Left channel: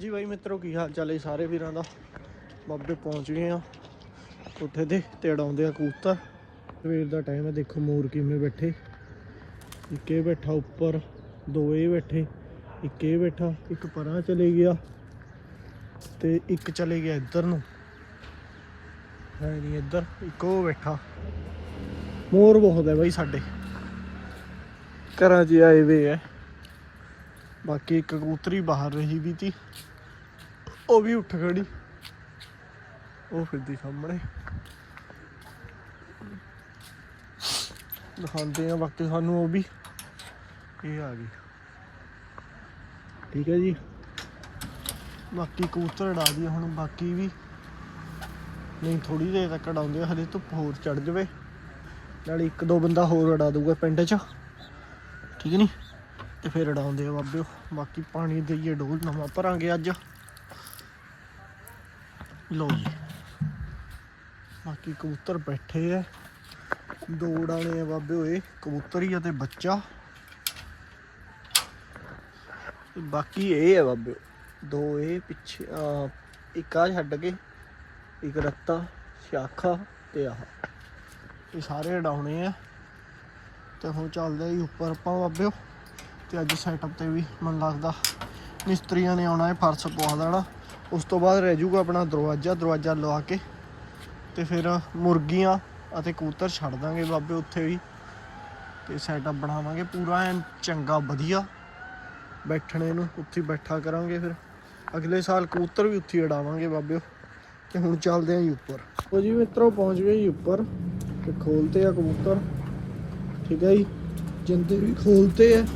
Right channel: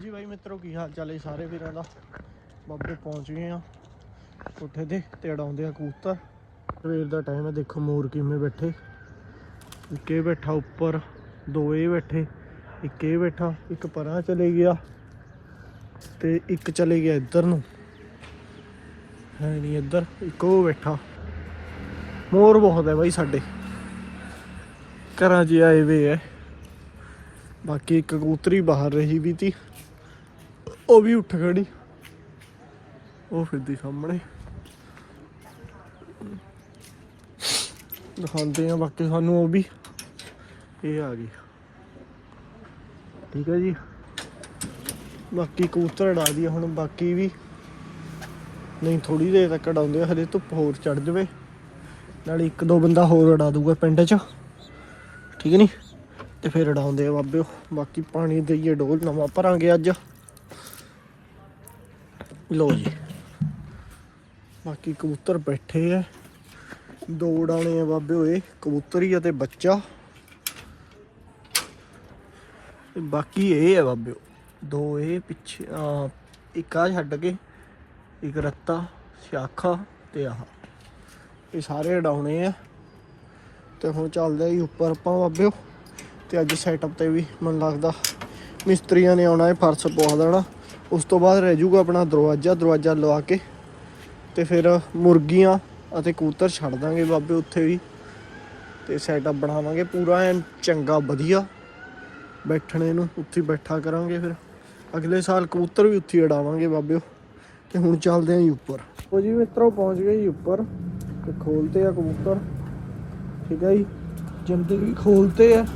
ਜੀ ਬਾਈ ਮਿੱਤਰੋ, ਕੀ ਹਾਲ ਚਾਲ ਹੈ ਸਾਰੇ ਵੀਰਾਂ ਦਾ? ਬਾਬੇ ਪਹੁੰਚ ਗਏ ਆ। ਕੋਠੇ ਤੇ ਤੇ ਅੜਾਉਂਦੇ ਆ ਕਬੂਤਰ। ਸਵੇਰ ਦਾ ਟਾਈਮ ਹੈ, ਦੇਖੋ ਮੋਰ ਕਿਵੇਂ ਬੈਠੇ। ਇੱਕ ਇਹ ਬੈਠਾ ਉੱਪਰ, ਦੋ ਇਹ ਬੈਠੇ, ਇੱਕ ਇਹ ਬੈਠਾ, ਇੱਕ ਪਰਾਂ ਚਲੇ ਗਿਆ ਤੇ ਇੱਕ ਚਲੇ ਗਿਆ ਇੱਧਰ ਨੂੰ। ਨਹੀਂ ਨਹੀਂ ਇੱਧਰ, ਇੱਕੋ ਬੈਠਾ। ਮੋਰ ਬਹੁਤ ਹੈ ਬਾਈ ਸਾਡੇ। ਘਰਾਂ 'ਚ ਆਏ ਵੇ ਹੈ। ਬਾਕੀ ਇੱਕ ਕਬੂਤਰੀ ਬਾਹਰ ਰਹੀ ਵੀ ਤੀ। ਉਹ ਵੀ ਉੱਠ ਖੜੀ। ਉਹ ਫਿਰਦੀ ਸਾਹਮਣੇ। ਦਿਖਾਉਂਦੇ ਆ ਬਾਕੀ ਸਾਨੂੰ ਉਹ ਵੀ। ਇਹ ਆ ਗਈ। ਠੀਕ ਹੈ ਜੀ। ਬਾਕੀ ਕਬੂਤਰ ਉਡਾ ਦਈਏ ਹੁਣ, ਬਾਕੀ ਵੀ। ਨਹੀਂ ਥੋੜੀ ਦੇਰ ਤੱਕ ਉਡਾਉਂਦੇ ਆ ਹਲੇ ਧੁੱਪ ਹੋਰ ਚੜ ਜਵੇ। ਨਾਲ ਇੱਕ ਦੋ ਬੰਦਾ ਹੋਰ ਉਡਾ ਦੂਗਾ ਪਿੰਡ 'ਚ। ਠੀਕ ਹੈ ਨਹੀਂ ਤੇ ਫਿਰ ਉਡਾਉਂਦੇ ਆ ਬਾਬਿਓ ਬਾਕੀ ਪਾਣੀ ਦੇਈਏ ਡੋਲ ਨਵਾਂ ਭਰਾਂਗੇ ਅੱਜ। ਲੋ ਜੀ। ਬਾਕੀ ਕਬੂਤਰ ਬੈਠੇ ਆ। ਦੋ ਉਡਾਣੇ ਆ ਬਾਬੇ ਇਹ ਕਬੂਤਰ ਅਤੇ ਬੱਚਾ। ਤੇ ਬਾਕੀ ਇਹ ਆ ਬਾਬਿਓ ਦੋ ਇਹ, ਪਿੱਛੇ, ਆ, ਇੱਕ ਆ ਛੱਡ ਕੇ, ਇੱਕ ਰੱਤਾ ਸ਼ਾਖਾ ਤੇ ਆਹ। ਇਹ ਸਾਰੇ ਉਡਾਉਣੇ ਆ। ਤੇ ਹੁਣ ਚੱਲਦੇ ਆ ਜੀ ਉੱਪਰ ਆਪਾਂ ਬਾਬਿਓ ਤੇ ਅੱਜ ਸੈਟਅਪ ਤੇ ਵੀ, ਮੈਨੂੰ ਲੱਗਦਾ ਮਿਸਤਰੀਆਂ ਨੇ ਆਉਣਾ ਇਹ ਫਰਸ਼ ਪਵਾ ਦੇਣਾ। ਉਸ ਤੋਂ ਬਾਅਦ ਰਹਿ ਜਾਊਗਾ ਆਪਣਾ ਦਰਵਾਜ਼ਾ ਦਰਵਾਜ਼ਾ ਲਵਾ ਕੇ ਤੇ ਫਿਰ ਮੁਰਗੀਆਂ ਅਤੇ ਕਬੂਤਰ ਛੱਡ ਦਾਂਗੇ ਬਾਬੇ ਉੱਥੇ ਵੀ ਤੇ ਸੈਟਅਪ ਬਣਾਵਾਂਗੇ ਪੂਰਾ, ਐਨ ਚੰਗਾ, ਵਧੀਆ ਬੈਠਣੇ ਨੂੰ, ਉੱਥੇ ਬੈਠਾ ਕਰਾਂਗੇ ਫਿਰ। ਅਗਲੇ ਸਾਲ ਕਬੂਤਰ ਵੀ ਉੱਥੇ ਉਡਾਵਾਂਗੇ ਬਾਬਿਓ ਤੇ ਹੁਣ ਚੱਲਦੇ ਆਂ ਜੀ ਉੱਪਰ। ਉਹ ਜੀ ਮਿੱਤਰੋ, ਪਹੁੰਚ ਗਏ ਜੀ ਉੱਪਰ ਤੇ ਖੋਲਤੇ ਆ ਕਬੂਤਰ। ਠੀਕ ਹੈ ਜੀ? ਜਿੰਦੇ ਵੀ ਖੋਲਤੇ ਆ।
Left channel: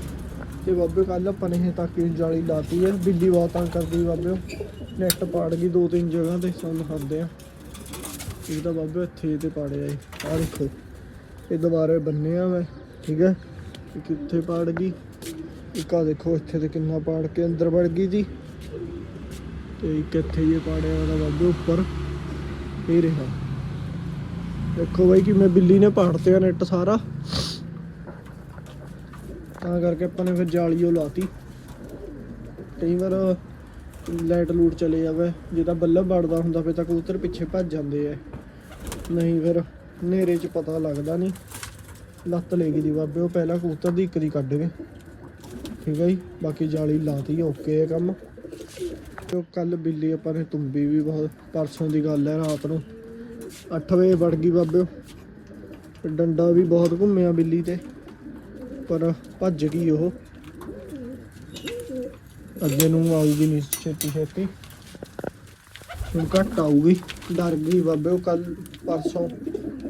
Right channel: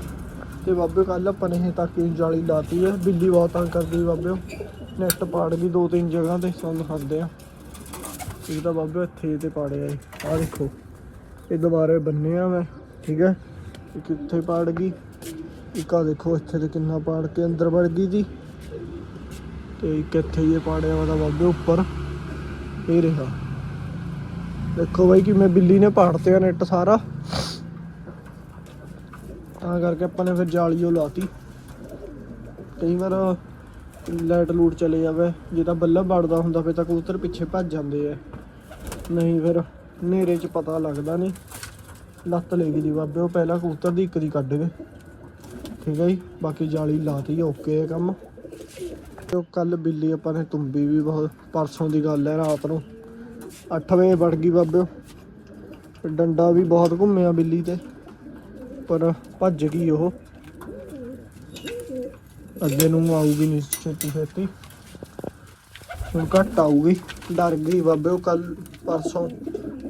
ਤੇ ਬਾਬੇ ਕੱਲ ਆਪਾਂ ਨੇ ਇਹ ਤੱਕ ਜਾਲੀ ਲਾਤੀ ਹੈ ਬਿੱਲੀ ਬਹੁਤ ਤੰਗ ਕਰਦੀ ਬਾਬੇ। ਨੈਟ ਪਾੜ ਗਈ ਦੋ ਤਿੰਨ ਜਗ੍ਹਾ ਤੇ ਤੁਹਾਨੂੰ ਦਿਖਾਉਂਦੇ ਆ। ਇੱਕ ਤਾਂ ਬਾਬੇ ਇੱਥੇ ਤੇ ਪਾੜਿਆ ਏ ਆ ਦੇਖੋ, ਇਹ ਦੁਬਾਰੇ ਬੰਨੇ ਆ ਮੈਂ, ਠੀਕ ਹੈ ਇੱਕ ਇੱਥੇ ਪਾੜ ਗਈ, ਇੱਕ ਆ ਦੇਖੋ ਇੱਥੇ ਤੇ ਕਿੰਨਾ ਪਾੜ ਕੇ ਅੰਦਰ ਵੜ ਗਈ ਜੀ। ਤੇ ਇੱਕ ਇੱਥੇ ਇਹ ਪਾੜਿਆ ਵਾਲਾ ਬਾਬੇ ਉੱਪਰ। ਇਹ ਰਿਹਾ। ਦੇਖੋ ਬਾਈ ਕਿ ਮੈਂ ਬਿੱਲੀ ਨੇ ਪਾੜਤੇ ਆ ਨੈਟ ਸਾਰਾ। ਤਾਂ ਕਰਕੇ ਆਪਾਂ ਨੇ ਫਿਰ ਜਾਲੀ ਉਹ ਲਾਤੀ। ਕਈ ਵਾਰ ਲਾਈਟ ਲੂਟ ਚਲੇ ਜਾਵੇ, ਜੇ ਤਾਂ ਬੱਲਬ ਵੜਦਾ ਹੁੰਦਾ, ਫਿਰ ਤਾਂ ਕਬੂਤਰ ਪਿੱਛੇ ਭੱਜ ਜਾਂਦੇ ਆ। ਨਹੀਂ ਫਿਰ ਹਨੇਰੇ 'ਚ ਪਤਾ ਲੱਗਦਾ ਨਹੀਂ। ਲੱਤ ਲੈ ਗਈ ਦੀ ਬਾਬੇ, ਉਹ ਪਹਿਲਾਂ ਕਬੂਤਰ ਦੀ ਇੱਕ ਦੀ ਕੱਢ ਗਏ। ਠੀਕ ਹੈ ਜੀ, ਬਾਕੀ ਜਾਲੀ ਲਾਤੀ, ਓਕੇ ਹੈ ਕੰਮ। ਤੇ ਉਹ ਕੱਲ ਬਿੱਲੀ ਆਪਾਂ ਨੇ ਤੁੰਬੀ ਵੀ ਬਹੁਤ, ਪਰਸੋਂ ਦੀ ਗੱਲ ਹੈ ਰਾਤ ਨੂੰ। 8 ਵਜੇ ਵੜ ਗਈ ਬਾਬੇ ਡੰਡਾ ਵੀ ਬਹੁਤ ਘੁੰਮਿਆ ਬਿੱਲੀ ਤੇ। ਪਰ ਭੱਜ ਗਈ ਉਹ। ਅੱਗੇ ਨੂੰ ਆਊਗੀ ਨਹੀਂ ਛੇਤੀ ਛੇਤੀ। ਹੁਣ ਘੱਟ ਆਊਗੀ। ਡਰ ਗਈ ਬਾਬੇ, ਉਹ ਕੱਲ ਪਰਸੋਂ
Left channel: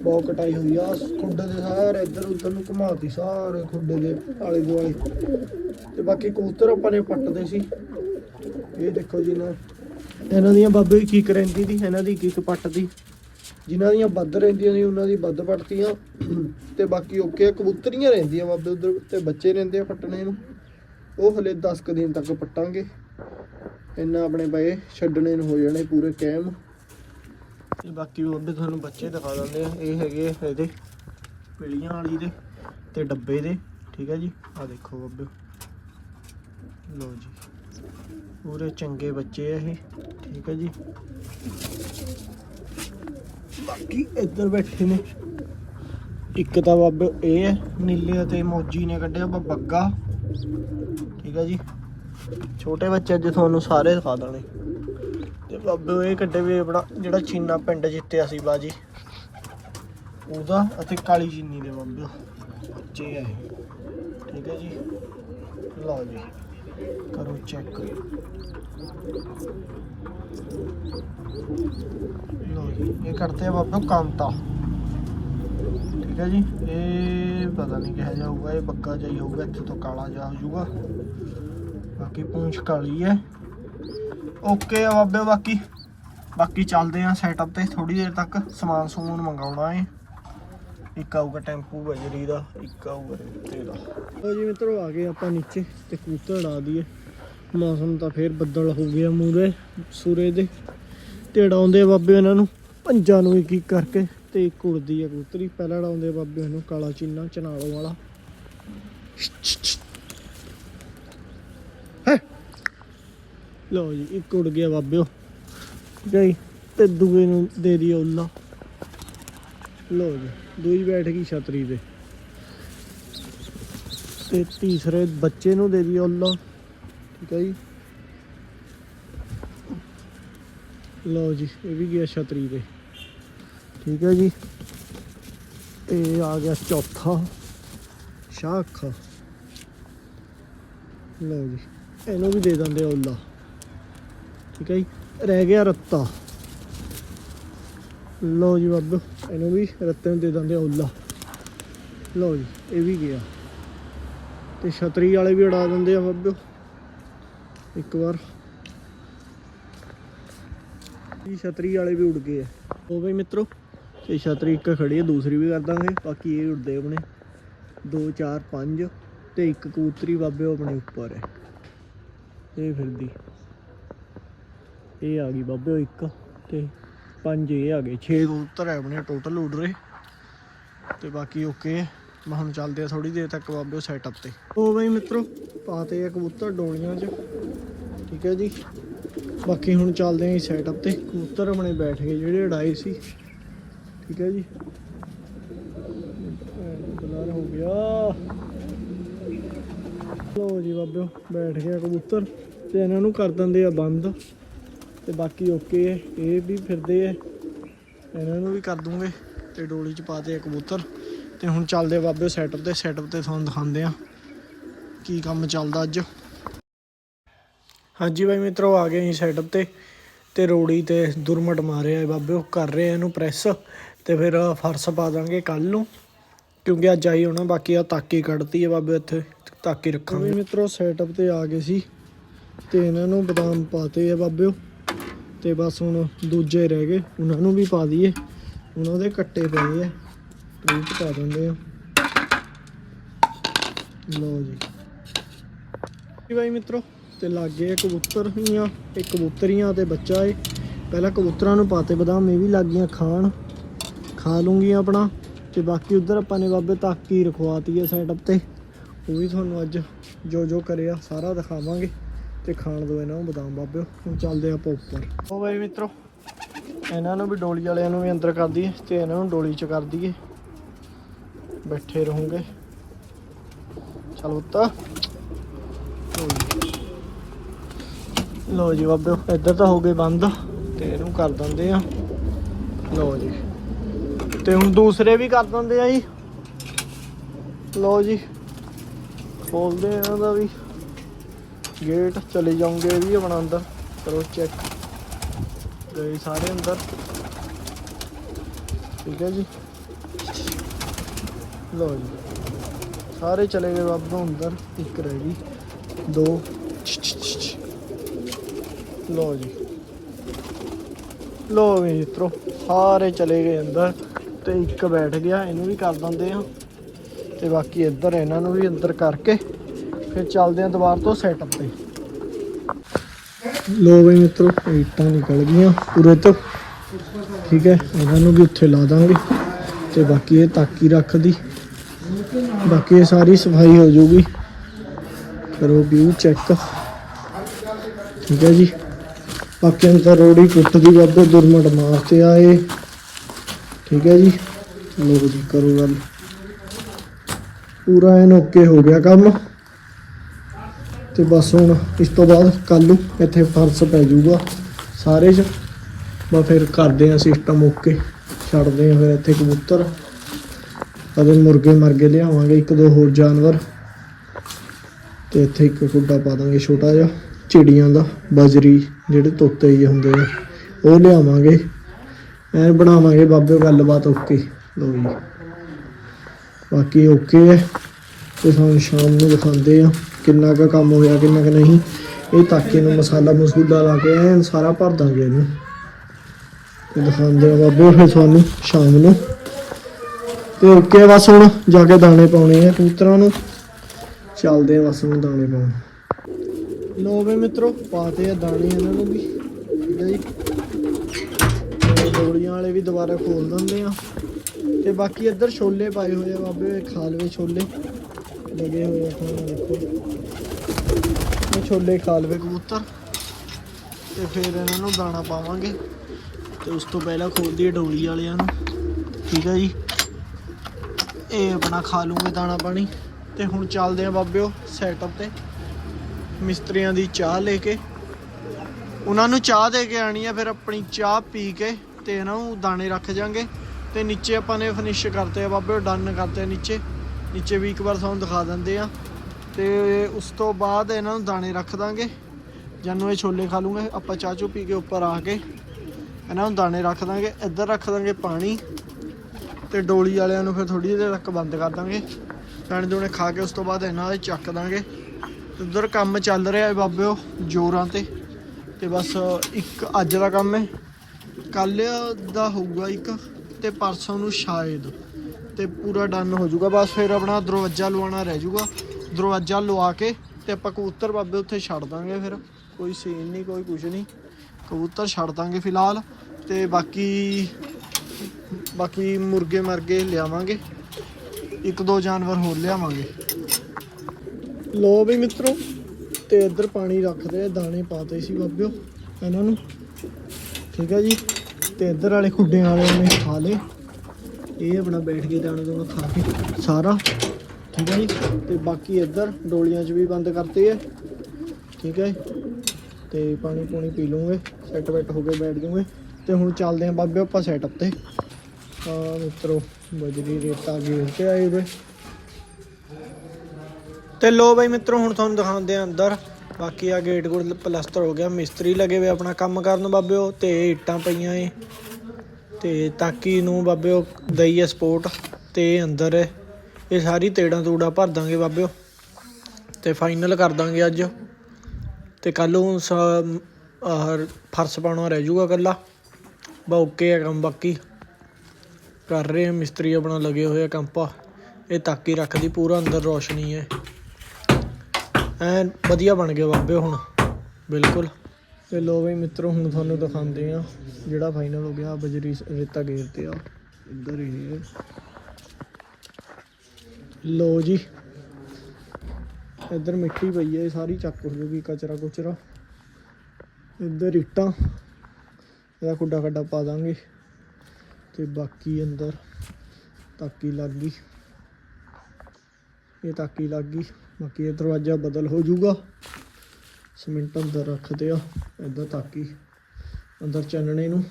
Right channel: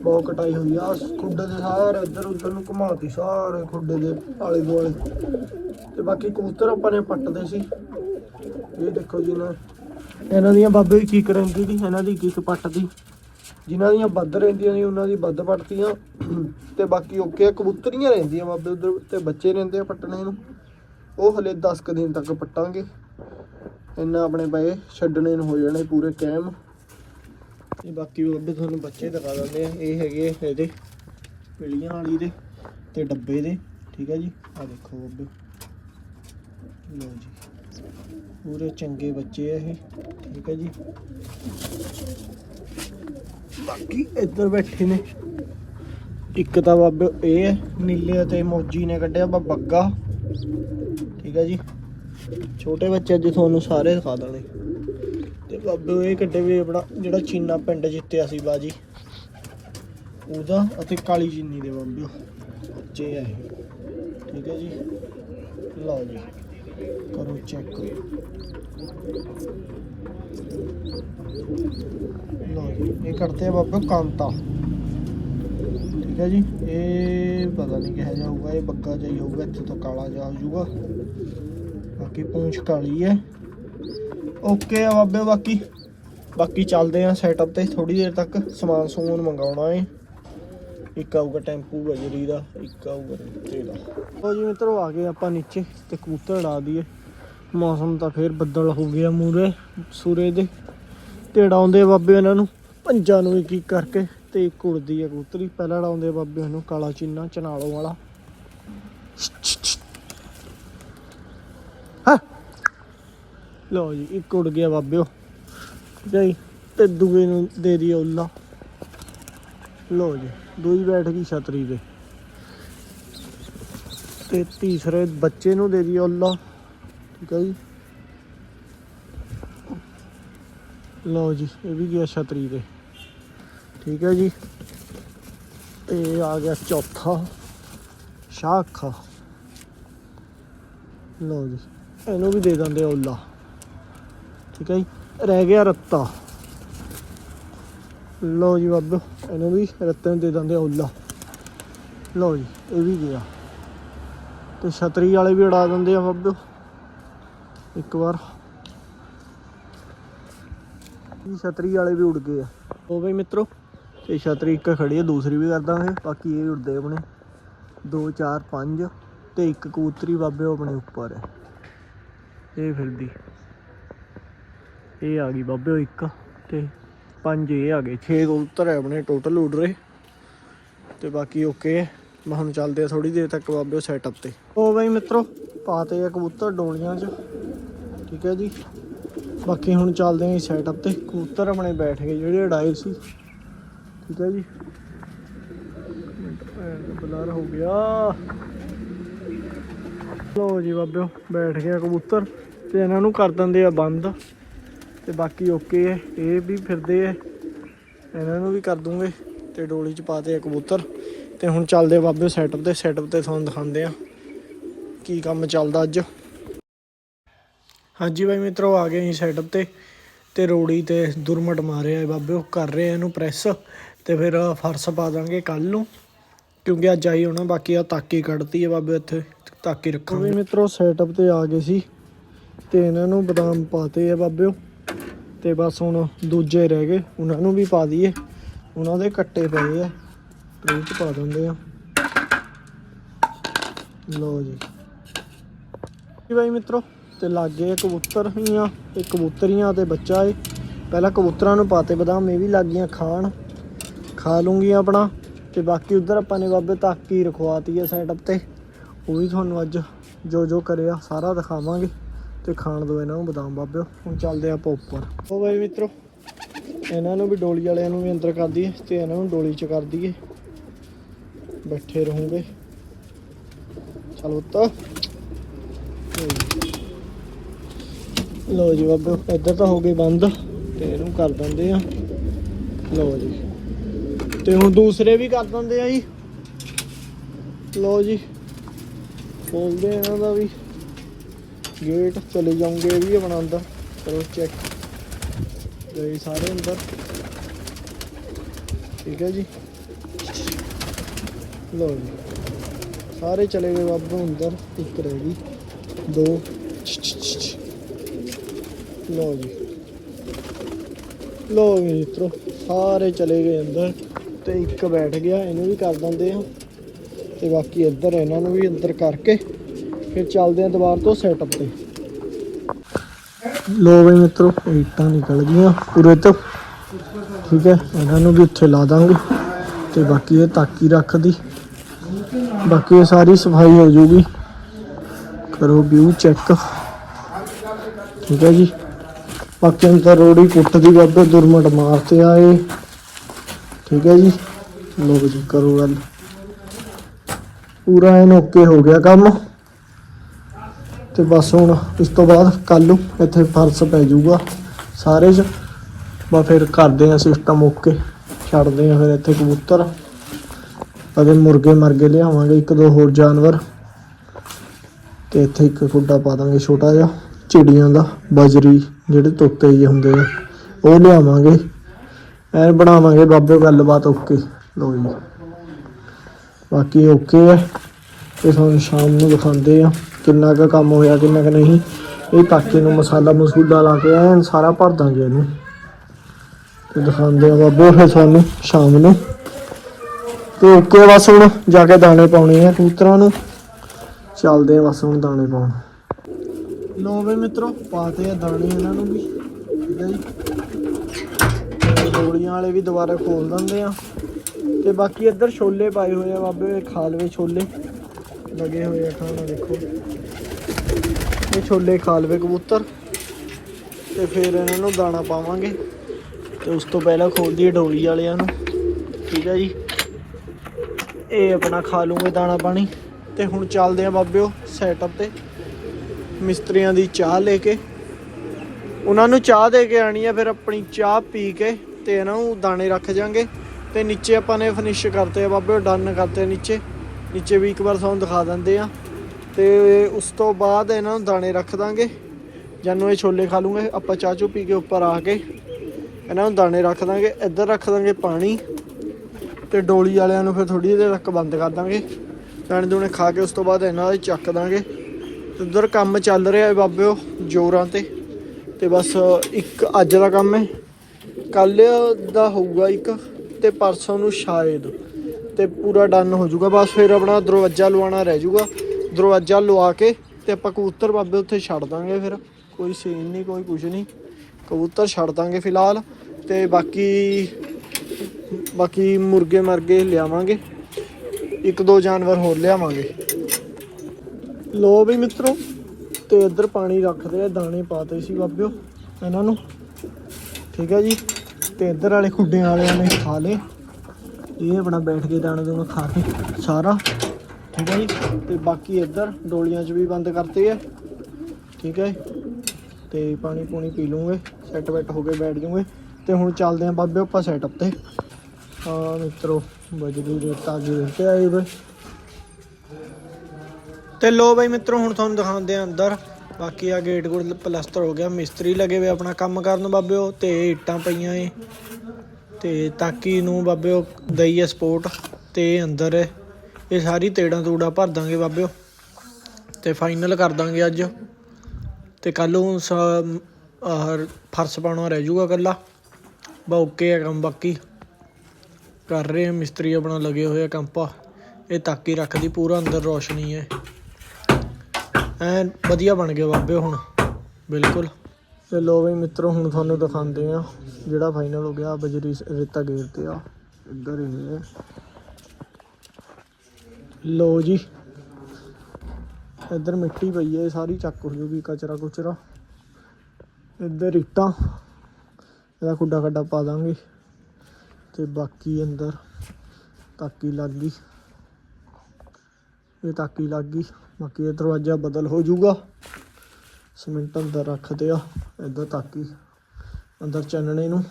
ਬਹੁਤ ਕਟਾਈ ਹੋਈ ਆ। ਖੁੱਡੇ ਦੇ ਸਾਰੇ ਇੱਧਰ ਉੱਧਰ ਨੂੰ ਘੁਮਾਤੀ, ਸਾਰੇ ਖੁੱਡੇ ਦੇ ਆਲੇ ਦੁਆਲੇ। ਤੇ ਬਾਕੀ ਕਬੂਤਰ ਆਪਾਂ ਨੇ ਪੱਟਦੇ ਸੀ। ਇਹ ਦੇਖੋ ਜੀ ਨਾ। ਇਹਨਾਂ ਦੀਆਂ ਬਾਬੇ ਦੀ ਕੀਕ ਰਹਿੰਦੀ ਦੀ, ਇਹਨਾਂ ਦੀ ਕੀਕ ਪੱਟਦੀ ਜਿਨ੍ਹਾਂ ਦੀਆਂ ਵੱਧ ਰਹਿੰਦੀਆਂ ਨੇ, ਉਹਨਾਂ ਦੀ ਵੱਧ ਪੱਟਦੀਆਂ ਤੇ ਬਾਕੀ ਓਕੇ ਆ ਕਬੂਤਰੀਆਂ ਰਹਿੰਦੀਆਂ ਬਾਬੇ ਉਧਰ ਤੇ ਬੱਚੇ ਰਹਿੰਦੇ ਆ ਪੱਟਣੇ ਨੂੰ। ਉਹ ਹਲੇ 10 ਕੁ ਦਿਨ ਤੱਕ ਪੱਟਾਂਗੇ। ਇੰਨਾ ਆਪਣੇ ਪਏ, ਛੱਡਣੇ ਨੂੰ ਹੋ ਜਾਣੇ ਪੂਰੇ ਕੈਮ ਤੇ ਬਾਕੀ ਉਹਦੇ ਤੁਹਾਨੂੰ ਬੱਚੇ ਦਿਖਾ ਦਿੰਦੇ ਆ। ਇਹ ਹੈਗੇ ਇਹਦੇ, ਪਿਲੀਆਂ ਵਾਲੀ ਦੇ ਤੇ ਡੱਬੇ ਦੇ। ਠੀਕ ਹੈ ਜੀ? ਆ ਦੇਖੋ ਬੱਬੇ। ਲੋ ਜੀ। ਪੂਰੇ ਚੰਗੇ ਬੱਚੇ ਆ ਇਹ। ਠੀਕ ਹੈ ਜੀ? ਬਾਕੀ ਇੱਧਰ ਬੈਠੇ ਨੇ। ਇੱਕ ਤਾਂ ਬੱਬ ਇਹ ਹੈ, ਨੀਲੇ ਅਤੇ ਮੋਜੀ ਨੇ ਕੱਢਿਆ ਬ ਬੱਗਾ। ਠੀਕ ਹੈ ਜੀ। ਛੋਟੇ ਬੱਚੇ ਅੱਜ ਤੁਹਾਨੂੰ ਸਾਰੇ ਦਿਖਾ ਦਾਣੇ ਤੇ ਬਾਬੇ ਇਹ ਕੱਢੇ ਵੀ ਆਪਣਾ ਜਿਹੜਾ ਚੀਨਾ ਪਿੰਡ ਜਿੱਤਿਆ ਸੀ ਬਾਜੀ। ਉਹਦਾ ਅਤੇ ਕਾਲੀ ਚੀਨੀ ਦੇ ਬਾਬੇ। ਬੱਚੇ ਆ ਠੀਕ ਹੈ ਜੀ। ਲਓ ਜੀ। ਕਰੋ ਚੈੱਕ। ਲਓ ਇਹ ਕਰਤੇ ਆ ਬਾਬੇ ਕਾਂਤਾ ਠੀਕ ਹੈ ਜੀ, ਇਹ ਪਤਾ ਨਹੀਂ ਕਿਹੋ ਜਿਹਾ ਹੋਊਗਾ, ਇਹ ਬੱਗਾ ਜਿਹਾ ਹੀ ਹੋਊਗਾ, ਇੱਥੇ ਤੋਂ ਕਾਲਾ ਜਿਹਾ ਹੋ ਜਾਊਗਾ। ਬਾਕੀ ਪੂੰਛ ਕਾਲੀ ਹੈ। ਓਕੇ ਆ ਬਾਬੇ, ਬਾਕੀ ਬਾਕੀ ਚੱਲਦੇ ਆ ਸੈਟਅਪ ਤੇ ਥੋੜੀ ਦੇਰ ਤੱਕ ਸਮਾਨ ਸਮੂਨ ਮੰਗਾਉਣਾ ਏ ਇੱਕ ਆਊਗਾ ਟੈਂਪੂ ਬਜਰੀ ਦਾ, ਇੱਕ ਆਊਗਾ ਰੇਤੇ ਦਾ। ਲੋ ਜੀ ਮਿੱਤਰੋ, ਆ ਗਏ ਆਪਾਂ ਨੀਚੇ ਤੇ ਕਬੂਤਰ ਉਡਾ ਦਈਏ। ਮੌਸਮ ਤਾਂ ਫੇਰ ਬੱਦਲ ਹੋ ਗਿਆ ਮੂਰੇ, ਸੂਰੇ ਦੇ। ਤੇ ਉਡਾਉਂਦੇ ਬਾਬੇ ਇਹਨਾਂ ਨੂੰ ਪੰਜਾਂ ਨੂੰ ਇੱਕ ਇੱਕ ਕਰਕੇ ਤੇ ਇੱਕ ਉੜਦੀ ਆ ਕਬੂਤਰੀ। ਪਹਿਲਾਂ ਉਡਾਉਂਦੇ ਬਾਬੇ ਇਹਨੂੰ ਕਾਲਾ ਚੀਨਾ, ਚਨਾਲੋ ਵਾਲਾ। ਹਾਂ? ਲਓ ਜੀ, ਇੱਕ ਉੜ ਗਿਆ ਬਾਬਿਓ ਠੀਕ ਤੇ ਦੂਏ ਨੂੰ ਦੇ ਦੀ ਉੱਲਾ। ਲੋ ਜੀ ਦੂਈ ਬੈਠ ਗਈ ਛਤਰੀ ਤੇ। ਤੇ ਤੀਸਰੇ ਬੱਚੇ ਨੂੰ ਦੇ ਦੀ ਉੱਲਾ। ਠੀਕ ਹੈ ਜੀ। ਲਓ ਜੀ, ਇਹ ਵੀ ਗਿਆ ਛਤਰੀ ਤੇ। ਠੀਕ ਹੈ ਜੀ। ਤੇ ਆ ਗਿਆ ਚੌਥਾ, ਸ਼ਾਖ। ਲਓ ਜੀ, ਇਹਨੂੰ ਵੀ ਦੇ ਦਿੰਦੇ ਆ ਉੱਲਾ। ਠੀਕ ਹੈ ਜੀ। ਰਹਿ ਗਿਆ ਰੱਤਾ। ਲਓ ਜੀ ਬਾਬੂ, ਇਹਨੂੰ ਵੀ ਰਤਨ ਦੇ ਦਿੰਦੇ ਆ ਉੱਲਾ। ਲਓ ਜੀ, ਇਹ ਵੀ ਗਿਆ। ਤੇ ਛਤਰੀ ਵਾਲੇ ਵੀ ਉਡਾ ਦਿੰਦੇ ਆ ਬਾਬੂ। ਇੱਕ ਵਾਰ। ਇਹ ਛਤਰੀ ਵਾਲੇ ਵੀ ਉੜ ਗਏ ਆ। ਹੋ ਬਈ ਮਿੱਤਰੋ, ਤੇ ਛਤਰੀ ਇੱਕ ਖੜੀ ਹੈ ਦੂਸਰੀ ਵੀ ਕਰ ਦਾਂਗੇ ਬਾਕੀ ਇਹ ਉੜਦੇ ਆਪਣੇ। 2 4 5 ਤੇ ਇੱਕ ਕਬੂਤਰੀ ਬਾਬੇ ਆਪਣੇ ਉੱਪਰ ਹੈ। ਇਹ ਫਿਰਦੀ। ਇਹ ਆ ਗਈ ਬਾਬੇ ਇੱਕ, ਤੇ ਪੰਜ ਇਹ ਆ ਗਏ 6 ਕਬੂਤਰ ਹੈ ਆਪਣੇ ਟੋਟਲ ਉੜ ਰਹੇ ਤੇ ਬਾਕੀ ਓਕੇ ਮੈਂ ਹੁਣ ਚੱਲਦੇ ਆ ਥੋੜੀ ਦੇਰ ਤੱਕ ਬਾਬੇ ਸੈਟਅਪ ਤੇ। ਉਹ ਬਈ ਮਿੱਤਰੋ ਪਾਤੇ ਆ ਕਬੂਤਰ ਡੋਲੀਆਂ 'ਚ। ਠੀਕ ਹੈ ਜੀ। ਬਾਕੀ ਹੁਣ ਚੱਲਦੇ ਆਂ ਸੈਟਅਪ ਤੇ। ਕਬੂਤਰ ਆਪਣੇ ਬੈਠ ਗਏ ਜਿਹੜੇ ਉਡਾਏ ਸੀ। ਠੀਕ ਹੈ ਜੀ। ਬਲਰ ਹੋ ਗਿਆ। ਲੋ ਜੀ ਬਾਬਿਓ ਬੈਠ ਗਿਆ ਕਬੂਤਰ। ਤੇ ਇਹਨਾਂ ਨੂੰ ਕਰ ਦਿੰਦੇ ਆ ਬੰਦ। ਤੇ ਬਾਕੀ ਓਕੇ ਹੈ। ਇਹ ਵੀ ਫਿਰਦੇ ਹੈ। ਇਹਨਾਂ ਨੂੰ ਵੀ ਕਰ ਦੂੰਗੇ ਤੇ ਡੋਲੀ ਚ ਪਾਤੇ ਕਬੂਤਰ। ਤੇ ਹੁਣ ਚੱਲਦੇ ਬਾਬੇ ਸੈਟਅਪ ਤੇ। ਸੈਟਅਪ ਤੇ ਤੁਹਾਨੂੰ ਦਿਖਾਉਂਦੇ ਆ ਕੀ ਕੰਮ ਚੱਲਦਾ ਅੱਜ। ਹਾਂਜੀ ਬਾਈ ਮਿੱਤਰੋ, ਆ ਗਏ ਅਸੀਂ ਸੈਟਅਪ ਤੇ। ਤੇ ਰੋੜੀ ਤੇ ਦੁਰਮਟ ਮਾਰਿਆ ਹੈ ਬਾਬੇ। ਉਹ ਕਰ ਰਹੇ ਇਹਨੂੰ ਪ੍ਰੈਸ ਤੇ ਫਿਰ ਫਰਸ਼ ਪਾ ਦਾਂਗੇ ਕੱਲ ਨੂੰ। ਕਿਉਂਕਿ ਅੱਜ ਆਈ ਹੋਣਾ, ਬਾਕੀ ਆ ਤਾਕੀ ਕੱਢਤੀ ਹੈ ਬਾਬੇ ਇੱਥੇ ਤਾਕੀ ਰੱਖਾਂਗੇ। ਮਿੱਤਰੋ ਸੈਟਅਪ ਤੇ ਆ ਗਏ ਸੀ। ਤੇ ਇਹਨਾਂ ਨੂੰ ਬਦਾਮ ਪਾਤੇ ਆ ਬਾਬਿਓ ਤੇ ਬਸ ਹੁਣ ਦੂਜੇ ਰਹਿ ਗਏ। ਉਹਨਾਂ ਨੂੰ ਵੀ ਪਾ ਦਈਏ। ਉਹਨਾਂ ਦੇ ਕੱਟੇ ਪਏ ਆ। ਟ੍ਰੇ 'ਚ ਪਾ ਦਿੰਦੇ ਆ। ਲਓ ਜੀ। ਜੀ ਬਾਈ ਮਿੱਤਰੋ, ਤੇ ਲਾਗੇ ਕਬੂਤਰੀਆਂ ਇੱਕ ਕਬੂਤਰੀਆਂ ਤੇ ਬੱਚਾ ਏ। ਪਹਿਲਾਂ ਕਬੂਤਰਾਂ ਨੂੰ ਪਾਤੇ ਬਦਾਮ, ਇਹ ਵੀ ਲੱਗ ਗਈਆਂ ਖਾਣ। ਖਾ ਲੂੰਗੀ ਆਪਣਾ। ਤੇ ਬਾਕੀ ਉਧਰ ਆਪਾਂ ਨੇ ਬਾਬੇ ਤਾਕੀ ਰਖਵਾਤੀ ਹੈ ਸੈਟਅਪ ਤੇ। ਉਹ ਵੀ ਤੁਹਾਨੂੰ ਅੱਜ ਜੋ ਜੋ ਕਰਿਆ, ਸਾਰਾ ਦਿਖਾਵਾਂਗੇ। ਤੇ ਖਾਣ ਦੋ ਇਹਨਾਂ ਨੂੰ ਬਦਾਮ ਬਾਬਿਓ ਹੁਣ ਚੱਲਦੇ ਆਪਾਂ ਉੱਪਰ। ਉਹ ਬਾਈ ਮਿੱਤਰੋ, ਇਹਨਾਂ ਨੂੰ ਵੀ ਡੋਲੀ ਵਾਲਿਆਂ ਨੂੰ ਵੀ ਅੰਦਰ ਕਰ ਦਈਏ ਤੇ ਇਹਨਾਂ ਨੂੰ ਡੋਲੀ 'ਚ ਕਰ ਦਈਏ। ਬੈਠੇ ਰਹੋਗੇ। ਚਲੋ ਤਾਂ ਲੋ ਜੀ ਬਾਬਿਓ ਇੱਧਰ ਤਾਂ ਹੋ ਗਏ ਬੰਦ ਤੇ ਇਹਨੂੰ ਕਰ ਦਿੰਦੇ ਆ ਲੋ ਜੀ। ਤੇ ਹੁਣ ਦੂਸਰੇ ਵੀ ਕਰ ਦਿੰਦੇ ਆ ਜੀ। ਲੋ ਜੀ। ਖੋਲਦੇ ਆ ਇਹਦਾ ਵੀ। ਗੇਟ ਚਲੇ ਜਾਉਂਗੇ ਇਹ ਵੀ ਆਪਣਾ ਅੰਦਰ। ਕਰੋ ਚੈੱਕ ਗਏ ਸਾਰੇ ਅੰਦਰ। ਠੀਕ ਹੈ ਜੀ। ਲੋ ਜੀ। ਸਾਰੇ ਚਲੇ ਗਏ ਬਾਬੂ ਅੰਦਰ। ਇੱਕ ਰਹਿ ਗਈ। ਦੋ। ਲੋ ਜੀ। ਲੋ ਵੀ ਮਿੱਤਰੋ, ਸਾਰੇ ਚਲੇ ਗਏ ਅੰਦਰ। ਤੇ ਇੱਕ ਬੈਠ ਗਿਆ, ਇਹਨੂੰ ਵੀ ਕਰ ਦਿੰਦੇ ਆ ਤੇ ਬਾਕੀ ਇੱਧਰ ਇਹਨਾਂ ਨੂੰ ਵੀ ਅੰਦਰ ਕਰਕੇ ਫਿਰ ਚੱਲਦੇ ਆ ਦੁਬਾਰ ਤੋਂ ਸੈਟਅਪ ਤੇ। ਲੋ ਵੀ ਮਿੱਤਰੋ, ਇੱਟਾਂ ਨਿਕਲ ਗਈਆਂ ਪੂਰੇ ਤੋਂ। ਠੀਕ ਹੈ, ਇਹਨਾਂ ਨੂੰ ਵੀ ਉੱਥੇ ਲਾ ਦਾਂਗੇ। ਤੇ ਬਾਕੀ ਇਹ ਤਾਕੀ ਰੱਖਦੀ। ਬਾਕੀ ਇਹ ਸਾਰੀ ਸਫ਼ਾਈ ਹੋ ਜੂਗੀ। ਕਰੋ ਵਿਊ ਚੈੱਕ ਠੀਕ ਹੈ ਜੀ। ਬਾਕੀ ਅੰਦਰ ਰੋੜੀ ਕੁੱਟਦੀ ਬਾਬੇ ਦੁਰਮਟ ਮਾਰਤੇ ਆਏ ਠੀਕ ਹੈ ਜੀ। ਲੋਕ ਜੀ, ਕਰੋ ਗੱਲ। ਪੂਰਾ ਐਨ ਓਕੇ ਹੋ ਗਿਆ ਕੰਮ। ਤੇ ਬਸ ਹੁਣ ਇਸ ਤੋਂ ਬਾਅਦ ਕੱਲ ਨੂੰ ਇੱਥੇ ਫਰਸ਼ ਪੈ ਜਾਊਗਾ ਸਾਰੇ ਚ। ਬਾ ਫਿਰ ਕਰਦੇ ਆ ਸਿਸਟਮ ਓਕੇ। ਛੱਡਦੇ ਆ ਫਿਰ ਇੱਥੇ ਕਬੂਤਰ। ਅਤੇ ਮੁਰਗੇ ਮਰਗੇ ਲਿਆਵਾਂਗੇ, ਇੱਕ ਦੋ ਹੋਰ ਜਾਨਵਰ। ਤੇ ਇੱਥੇ ਇੱਕ ਖੁੱਡਾ ਪਾ ਦਾਂਗੇ ਛੋਟਾ ਜਿਹਾ, ਚਿੜੀਆਂ ਦਾ, ਬਜਰੀ, ਜਿਹੜੇ ਤੋਤੇ ਜਿਹੇ ਹੁੰਦੇ ਆ ਉਹ ਲਿਆਵਾਂਗੇ। ਐ ਬਣਾਵਾਂਗੇ ਬਾਬੇ ਗੱਲਬਾਤ ਓਕੇ। ਲੋ ਜੀ। ਬਾਕੀ ਓਕੇ ਹੈ। ਤੇ ਤੁਹਾਨੂੰ ਸ਼ਾਮ ਨੂੰ ਦਿਖਾਉਂਦੇ ਆ ਕਿੰਨਾ ਕੁ ਕੰਮ ਹੋਇਆ, ਕਿੰਨਾ ਕੁ ਨਹੀਂ, ਇਹ ਤਾਕੇ ਨੂੰ ਮਸਾਲਾ ਮਸੂਲਾ ਲਾ ਕੇ ਐਨ ਸਾਰਾ ਭਰ ਦਾਂਗੇ ਇਹਨੂੰ। ਤੇ ਦਿਖਾਉਂਦੇ ਆ ਬਾਬੇ ਫਿਰ ਤੁਹਾਨੂੰ ਸ਼ਾਮ ਨੂੰ। ਤੇ ਓਕੇ ਬਸ ਹੁਣ ਜਾ ਕੇ ਦਾਣੇ ਪਾਉਣੇ ਆ ਕਬੂਤਰਾਂ ਨੂੰ। ਚੱਲਦੇ ਆ ਬਸ ਹੁਣ ਦਾਣੇ ਪਾਉਣ। ਲੋ ਵੀ ਮਿੱਤਰੋ, ਪਾਤੇ ਆ ਦਾਣੇ ਇਹਨਾਂ ਨੂੰ ਵੀ। ਗੋਲੀਆਂ ਵਾਲੇ ਵੀ ਦੁਬਾਰਾ ਖੋਲ ਦਿੰਦੇ ਆ। ਤੇ ਬਾਕੀ ਇੱਧਰ ਛੋਲੇ ਪਾਏ ਹੋਏ ਆ ਬਾਬੇ ਖਾ ਲਵੇ ਛੋਲੇ। ਲੱਗੇ ਹੋਏ ਆ ਖਾਣ ਦੇਖੋ। ਇਹ ਛੋਲੇ ਖਾ ਲਵੇ ਕਬੂਤਰ। ਤੇ ਫਿਰ ਇਹਨਾਂ ਨੂੰ ਦਾਣਾ ਪਾਵਾਂਗੇ। ਤੇ ਉਸ ਤੋਂ ਪਹਿਲਾਂ ਖੋਲਦੀ ਦਈਏ ਡੋਲੀ ਵਾਲਿਆਂ ਨੂੰ। ਠੀਕ ਹੈ ਜੀ? ਇਹ ਆਪਣਾ ਖਾ ਲੂਗੇ ਦਾਣਾ ਪਾਣੀ। ਤੇ ਹੁਣ ਚੱਲਦੇ ਆ ਬਾਬਿਓ ਸੈਟਅਪ ਤੇ। ਮਿਸਤਰੀਆਂ ਦੀ ਚਾਹ ਲੈ ਕੇ। ਉਹਨਾਂ ਨੂੰ ਚਾਹ ਦੇ ਕੇ ਆਣੀ ਆ, ਫਿਰ ਆਪਣੀ ਚਾਹ ਪੀ ਕੇ ਤੇ ਇਹਨਾਂ ਨੂੰ ਦਾਣੇ ਰੱਖ ਜਾਾਂਗੇ। ਤੇ ਨੀਚੇ ਆਪਾਂ ਨੇ ਫਿਨਿਸ਼ ਕਰਤੇ ਆ ਬਾਬੇ ਡਨ ਕਰਤੇ ਨੀਚੇ। ਨੀਚੇ ਵੀ ਇੱਕ ਵਾਰ ਤੁਹਾਨੂੰ ਦਿਖਾ ਦਿੰਦੇ ਆ। ਤੇ ਉਸ ਤੋਂ ਬਾਅਦ ਇਹਨਾਂ ਨੂੰ ਦਾਣੇ ਰੱਖ ਦਾਂਗੇ। ਜਾਨੂੰ ਇਹ ਛੋਲੇ ਖਾ ਲੂਗੇ। ਆਪਾਂ ਚਾਹ ਚੂ ਪੀ ਕੇ ਉੱਪਰ ਆ ਕੇ ਇਹਨਾਂ ਨੂੰ ਦਾਣੇ ਰੱਖ ਦਾਂਗੇ। ਇੱਧਰ ਰੱਖ ਦਾਂਗੇ ਪਾਣੀ ਤੇ ਡੋਲੀ ਵਾਲਿਆਂ ਨੂੰ ਫਿਰ ਥੋੜੀ ਦੇਰ ਤੱਕ ਬੰਦ ਕਰ ਦਾਂਗੇ। ਦਾਣੇ ਦੂਣੇ ਖਾ ਕੇ ਉਸ ਤੋਂ ਬਾਅਦ ਇਹਨਾਂ ਦੇ ਚੱਕ ਦਾਂਗੇ। ਤੇ ਉਧਰ ਕੰਮ ਚੱਲ ਰਿਹਾ ਹੈ ਬਾਬਿਓ ਜੋਰਾਂ ਤੇ। ਤੇ ਬਸ ਇੱਕ ਅੱਜ ਦਾ ਕੰਮ ਹੈ। ਕੱਲ ਦਾ ਹੋਊਗਾ ਇੱਕ ਤੇ ਪਰਸੋਂ ਨੂੰ ਸ਼ਾਇਦ। ਤੇ ਪੂਰਾ ਡਨ ਹੋ ਜਾਊਗਾ। ਬਸ ਫਿਰ ਆਪਣਾ ਦਰਵਾਜ਼ਾ ਲਵਾਉਣਾ ਰਹਿ ਜਾਊਗਾ। ਦਰਵਾਜ਼ਾ ਲਵਾ ਕੇ ਤੇ ਆਪਾਂ ਕਬੂਤਰ ਬਾਬੇ ਉੱਥੇ ਛੱਡ ਦਾਂਗੇ ਫਿਰ। ਕੋਈ ਸੀਨ ਨਹੀਂ, ਕੋਈ ਕੁਝ ਨਹੀਂ। ਕਬੂਤਰ ਛੱਡ ਦਾਂਗੇ ਫਿਲਹਾਲ ਤੇ ਬਾਕੀ ਬਾਕੀ ਮੁਰਗੇ ਮਰਗੇ ਲਿਆਵਾਂਗੇ। ਇੱਕ ਦੋ ਜਾਨਵਰ ਹੋਰ ਲਿਆਵਾਂਗੇ। ਲੋ ਵੀ ਮਿੱਤਰੋ, ਤੇ ਇੱਧਰ ਪਾਣੀ ਰੱਖਦੇ ਆ, ਦਾਣੇ ਪਾਤੇ ਸੀ ਬਾਬਿਓ, ਇਹਨਾਂ ਨੂੰ। ਠੀਕ ਹੈ ਜੀ? ਤੇ ਇੱਧਰ ਵਾਲੇ ਖੁੱਡਿਆਂ ਵਾਲਿਆਂ ਨੇ ਖਾ ਲਏ। ਇਹ ਆਪਣਾ ਬੈਠ ਕੇ ਦਾਣੇ ਦੋਣਾ ਖਾ ਕੇ ਸਾਰਾ, ਠੀਕ ਹੈ ਜੀ? ਤੇ ਬਾਕੀ ਇੱਧਰ ਡੋਲੀਆਂ 'ਚ ਵੀ ਬੰਦ ਕਰਤੇ ਆ, ਠੀਕ ਹੈ ਤੇ ਪਾਣੀ ਪੂਣੀ ਪੀ ਲੂੰਗੇ ਸੈੱਟ ਵੈਟ ਹੋ ਕੇ ਬੈਠ ਜੂਗੇ। ਤੇ ਹੁਣ ਚੱਲਦੇ ਆ ਬਾਬੇ ਆਪਾਂ ਸੈਟਅਪ ਤੇ। ਹਾਂ ਮਿੱਤਰੋ ਬਜਰੀ ਰੇਤਾ ਗੇਰ ਕੇ ਆਏ ਉਰੇ। ਤੇ ਲੋ ਬਾਈ ਮਿੱਤਰੋ, ਹੁਣ ਤੁਹਾਨੂੰ ਦਿਖਾਉਂਦੇ ਆ ਅੰਦਰ। ਬਾਕੀ ਆ ਗੇਟ ਗੁੱਟ ਪਲਸਤਰ ਹੋ ਗਿਆ, ਮਿਸਤਰੀ ਲੱਗੇ ਵੇ ਆਪਣਾ ਕੰਮ ਕਰਨ ਬਾਬਿਓ, ਤੇ ਇੱਟਾਂ ਪਈਆਂ ਏ। ਤੇ ਤਾਕੀ ਨੂੰ ਬਾਬਿਓ ਦਈ ਆ ਸਪੋਰਟ ਤੇ ਅੰਦਰ ਇਹ ਸਾਰੀ ਤੇੜਾਂ ਤੂੜਾ ਭਰ ਦਾਂਗੇ ਬਾਬਿਓ ਤੇ ਫਾਈਨਲ ਕਰ ਦਾਂਗੇ ਅੱਜ। ਤੇ ਕੱਲ ਨੂੰ ਸ- ਫਰਸ਼ ਪਾਉਣਾ ਰਹਿ ਜਾਊਗਾ ਕੱਲਾ ਬਾ ਓਕੇ ਆ ਕੰਮ ਬਾਕੀ। ਕਰ ਰਹੇ ਆ ਮਿਸਤਰੀ ਆਪਣਾ ਲੱਗੇ ਹੋਏ ਆ ਕੰਪਾ ਇਹ ਤਾਕੀ ਰੱਖਦੀ, ਪੂਰਾ ਅੰਦਰ ਰੋਸ਼ਨੀ ਹੈ। ਐਨ ਵਧੀਆ ਬਣ ਗਿਆ ਬਾਬੇ ਹੁਣ। ਬਿਲਕੁਲ। ਤੇ ਲੋ ਬਈ ਮਿੱਤਰੋ, ਹੁਣ ਤੁਹਾਨੂੰ ਦਿਖਾਉਂਦੇ ਆ ਜਿਹੜਾ ਫਾਈਨਲ ਹੋ ਗਿਆ ਬਜਰੀ ਰੇਤਾ ਗੇਰ ਤੇ ਆ। ਇੱਧਰ ਇਹ ਹੈ। ਲੋ ਜੀ। ਇੱਧਰ ਮਿੱਟੀ ਪਈ ਹੈ, ਇਹ ਸਾਰੀ ਚੱਕ ਹੋ ਜੂਗੀ, ਕਚਰਾ ਕੁਚਰਾ। ਇੱਧਰ ਇੱਟਾਂ, ਇਹਦਾ ਖੁੱਡਾ ਖੱਡਾ ਪਾ ਦਾਂਗੇ। ਤੇ ਬਾਕੀ ਅੰਦਰ ਤਾਕੀ ਲੱਗ ਗਈ। ਇਹ ਤਾਕੀ ਲੱਗ ਗਈ। ਬਾਕੀ ਇਹ ਦਰਵਾਜ਼ਾ ਬਦਲ ਹੋ ਜਾਊਗਾ ਸਿਮੈਂਟ ਅੰਦਰ ਰੱਖਦੇ ਆ, ਇੱਧਰ ਤਾਕੀ ਅੰਦਰ ਚੰਨਣੇ ਨੂੰ।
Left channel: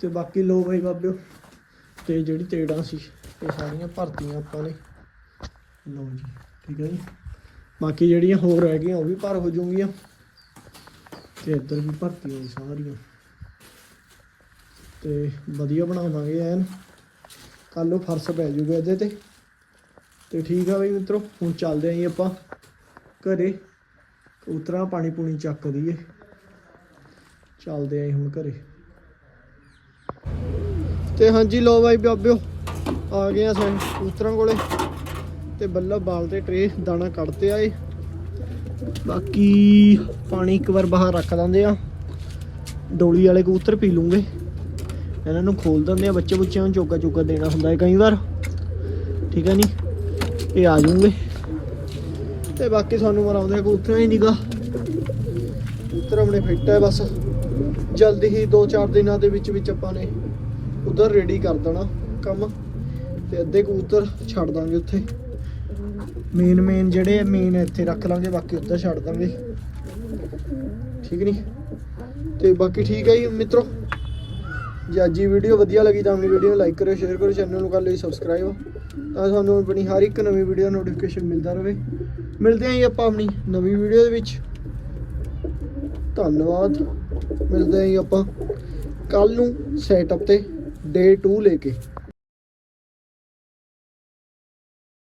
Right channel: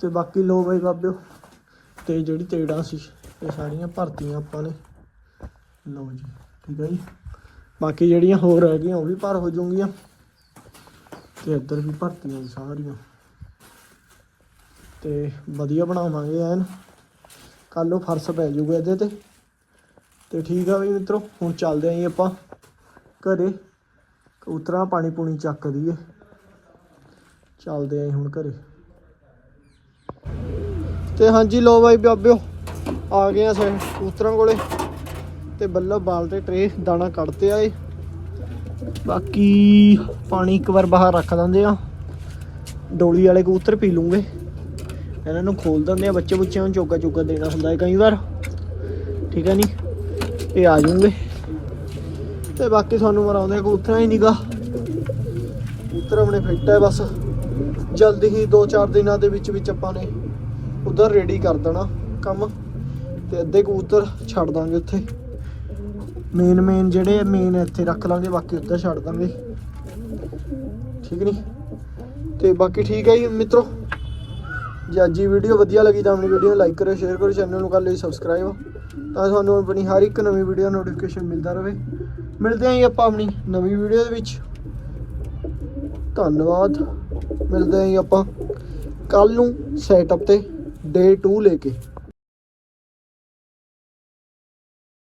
ਤੇ ਬਾਕੀ ਲੋ ਬਈ ਬਾਬਿਓ, ਤੇ ਜਿਹੜੀ ਤੇੜਾਂ ਸੀ, ਇਹ ਸਾਰੀਆਂ ਭਰਤੀਆਂ ਆਪਾਂ ਨੇ। ਲੋ ਜੀ, ਠੀਕ ਹੈ ਜੀ। ਬਾਕੀ ਜਿਹੜੀਆਂ ਹੋਰ ਰਹਿ ਗਈਆਂ, ਉਹ ਵੀ ਭਰ ਹੋ ਜਾਣਗੀਆਂ ਤੇ ਇੱਧਰ ਵੀ ਭਰਤੀਆਂ ਜੀ ਸਾਰੀਆਂ। ਤੇ ਵਧੀਆ ਬਣਾਵਾਂਗੇ ਐਨ। ਕੱਲ ਨੂੰ ਫਰਸ਼ ਪੈ ਜਾਊਗਾ ਇਹਦੇ ਤੇ। ਤੇ ਠੀਕ ਆ ਵੀ ਮਿੱਤਰੋ, ਹੁਣ ਚੱਲਦੇ ਆਂ ਜੀ ਆਪਾਂ ਘਰੇ। ਕਬੂਤਰਾਂ ਪਾਣੀ ਪੂਣੀ ਚੱਕ ਦਈਏ। ਚੱਲਦੇ ਆਂ ਹੁਣ ਘਰੇ। ਤੇ ਹਾਂਜੀ ਲੋ ਬਾਈ ਬਾਬਿਓ, ਆ ਗਏ ਆ ਸੇ ਕਬੂਤਰਾਂ ਕੋਲੇ। ਤੇ ਬੱਲੋ ਬਾਲ ਤੇ ਟਰੇ, ਦਾਣਾ ਕੱਢਤੇ ਆਏ ਬਾਕੀ ਪਾਣੀ ਇੱਕ ਵਾਰ ਬਾਹਰ ਰੱਖ ਦਿੰਦੇ ਆ। ਡੋਲੀ ਵਾਲੇ ਕਬੂਤਰ ਪੀ ਲੂੰਗੇ। ਇਹਨਾਂ ਨੂੰ ਖੋਲ ਦਿੰਦੇ ਆ ਬੱਚੇ ਬੁੱਚਿਆਂ ਨੂੰ ਚੋਗਾ ਚੋਗਾ ਦੇਣਾ ਹੁੰਦਾ ਹੈ ਕਈ ਵਾਰ। ਠੀਕ ਹੈ ਨਹੀਂ ਇਹ ਆ ਜੂਗੇ ਤੇ ਬਾਕੀ ਸਾਨੂੰ ਮਰਾਉਂਦੇ ਕਬੂਤਰਾਂ ਹੀ ਨਿਗਾ। ਕਬੂਤਰ ਆਪਣੇ ਫਿੱਟ ਹੈ ਬਸ। ਜਲਦੀ ਹੀ 2-4 ਦਿਨਾਂ ਦੇ ਵਿੱਚ ਵਿੱਚ ਆਪਾਂ ਨੇ ਉਧਰ ਰੈਡੀ ਕਰ ਦੇਣਾ ਕੰਮ। ਤੇ ਅੱਧੇ ਕਬੂਤਰ ਛੱਡ ਦਾਂਗੇ ਉੱਥੇ। ਮੇਨ ਮੇਨ ਜਿਹੜੇ ਮੇਨ ਇੱਥੇ ਰੱਖ ਲਾਂਗੇ, ਬਾਕੀ ਉੱਧਰ ਛੱਡ ਦਾਂਗੇ। ਠੀਕ ਨਹੀਂ ਤੇ ਬਾਕੀ ਠੀਕ ਹੈ ਜੀ, ਮਿੱਤਰੋ। ਜੇ ਅੱਜ ਦੀ ਵੀਡੀਓ ਵਧੀਆ ਲੱਗੀ ਤਾਂ ਆਪਣੀ ਵੀਡੀਓ ਨੂੰ ਲਾਈਕ ਕਰੋ ਸ਼ੇਅਰ ਕਰੋ ਚੈਨਲ ਨੂੰ ਕਰ ਲਈ ਸਬਸਕ੍ਰਾਈਬ ਤਾਂ ਤੁਹਾਨੂੰ ਆਪਣੀ ਹਰ ਇੱਕ ਨਵੀਂ ਵੀਡੀਓ ਨੋਟੀਫਿਕੇਸ਼ਨ ਮਿਲਦਾ ਰਹੇ। ਮਿਲਦੇ ਆਂ ਜੀ ਆਪਾਂ ਆਪਣੀ ਨਵੀਂ ਵੀਡੀਓ ਦੇ ਵਿੱਚ। ਧੰਨਵਾਦ। ਮਿਲਦੇ ਆਂ ਜੀ ਆਪਾਂ ਕੱਲ ਨੂੰ ਸੈਟਅਪ ਤੇ ਡੇ 2 ਲੈ ਕੇ।